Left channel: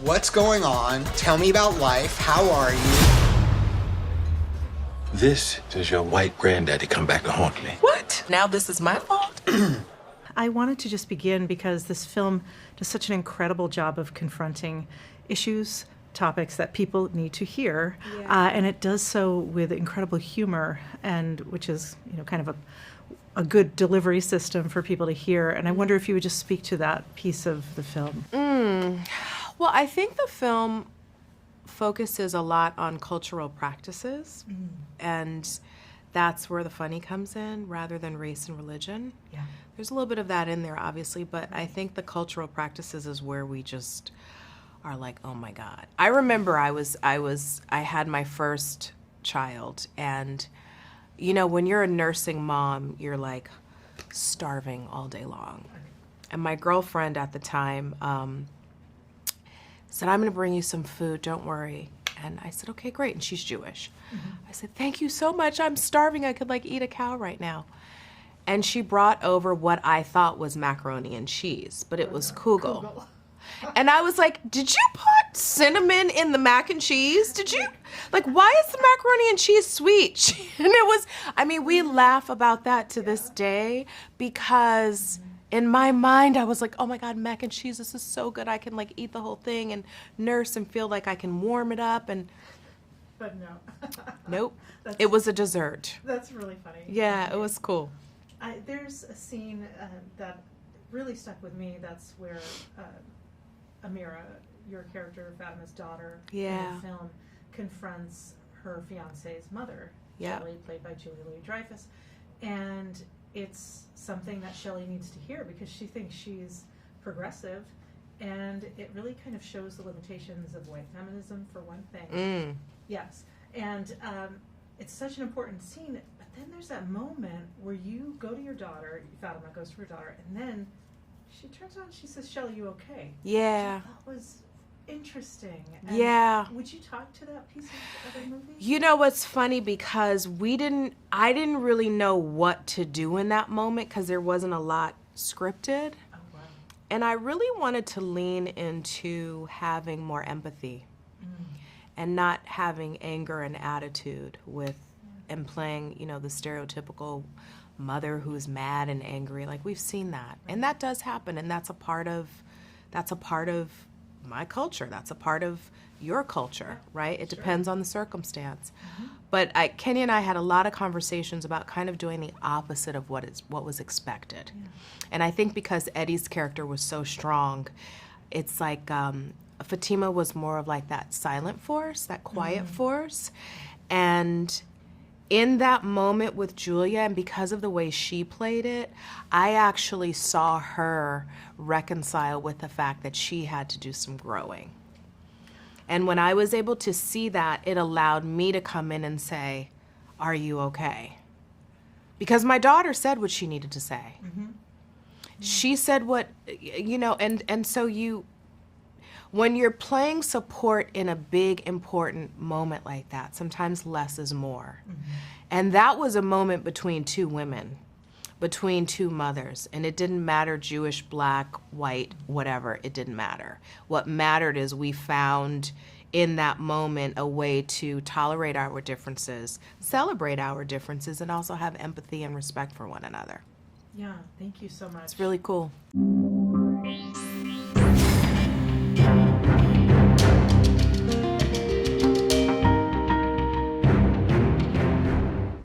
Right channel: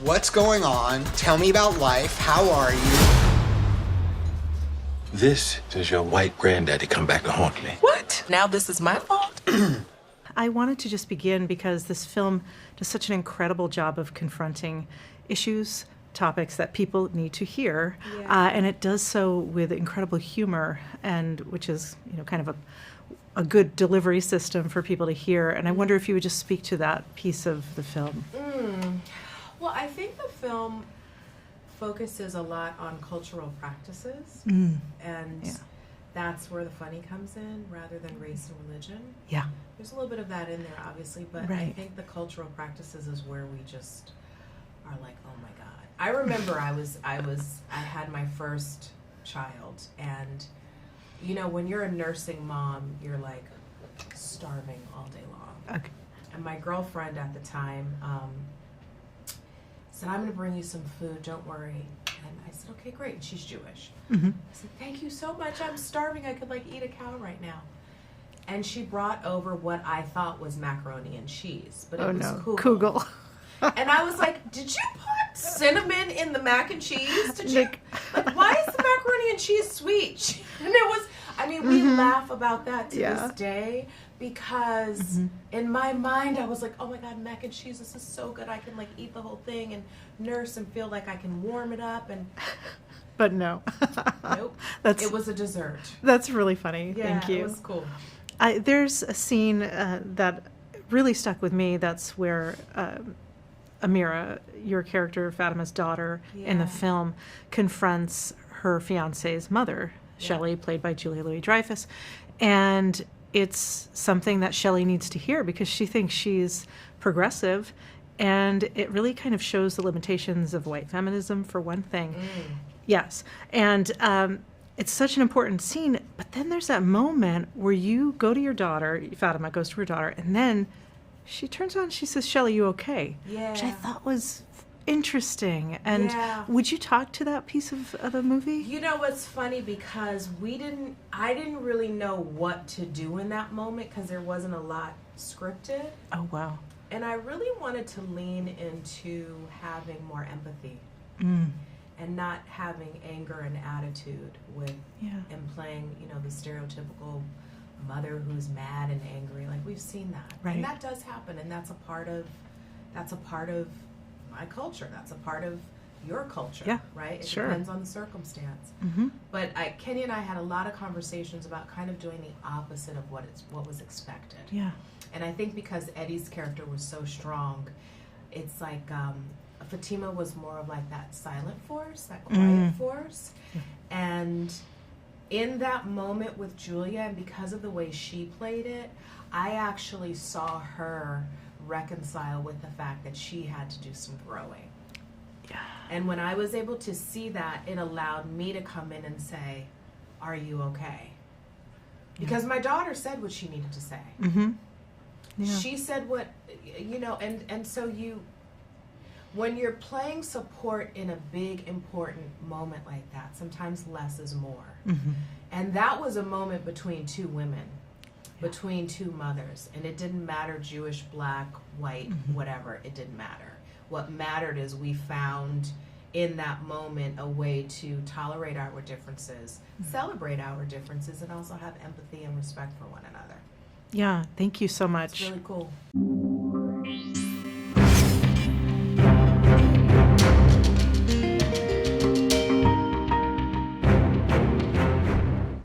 What's going on? Tell me about life. How are you? This is your white granddaddy come back to haunt me. What? Now this is my fault? I wanted to just begin because this film does such an incredible job of confronting issues, topics that people need to hear, and it does so with incredible humor, and which is, you know, kind of a good delivery system for people to hear. And I wonder if you would just speak to that piece of the film. Well, I think the film focuses a lot on cultural practices, and that's where the funny comes in rather than race and religion. Yeah. There's a little bit of that in there, obviously, but I Right. think the cultural practices is where we just are like, oh my God. I remember I had my first child, and you know, when you're a nursing mom, you're like starving all day long. Okay. And my girlfriend at the time said, I'm gonna bring you some food, don't worry. And I said, okay, great, and she's Jewish. I said, thank you so much, I'm starving, I could like eat a cow right now. And she brought over what I thought was macaroni and cheese, but it was kugel. And I was like, did you put cinnamon in the mac and cheese? Did you? Like, why is the macaroni and cheese sweet? And it was, I mean, we laugh about that to this day because in my mind, I was like, oh my God, mac and cheese, this is so good. I can like eat the whole thing and nurse and feel like I can warm it up. And But no. nope, it was a dessert. That's really funny. Yeah, Thank you. it was cool. There's a scene that really stuck with me. That's where Amira, your character, Fatima's daughter in the film, confronts her fiance's mother, Shelley, played by Julia Louis-Dreyfus. And it's something that Shelley needs to hear because she thinks she's progressive. And it really kind of shows the limitations of white feminism, for one thing. Yes. And it's such an important scene. But then there's that moment where you go to your daughter, Fatima goes to her daughter, and then she turns on, she says, Shelley, you okay? Yeah. Which I thought was interesting. And would you talk to that piece of the movie? You know what's funny, because I didn't really know what to do in that moment because there wasn't a lot scripted. Oh, wow. And I really wanted to lean into having more empathy and not having anger and attitude with and playing, you know, the stereotypical mother who's mad and angry. Like, we've seen that. Right. And that does happen, and that's a part of my culture. That's a part of your culture, right? It depends on the circumstance. But Kenny and I had a lot of conversations about kind of doing the opposite of what was expected. Yeah. And I think because Eddie's character was so strong, it's like Fatima was more of like that silent force, that quiet force. And in that moment with Julia, and because of the way she played it, I actually saw her reconcile with the fact that she had to do some growing. Yeah. And when I was able to see that, it allowed me to come in and say, are you okay? Because my daughter said what she needed to say. She said what, you know, and so when you're playing support in a big, important moment like that, sometimes less is more. And that was a moment between two women, between two mothers. And it didn't matter Jewish, black, white, whatever. It didn't matter. What mattered is we found in that moment a way to tolerate our differences, celebrate our differences, and also have empathy and respect for one another. Yeah, thank you so much. It's really cool.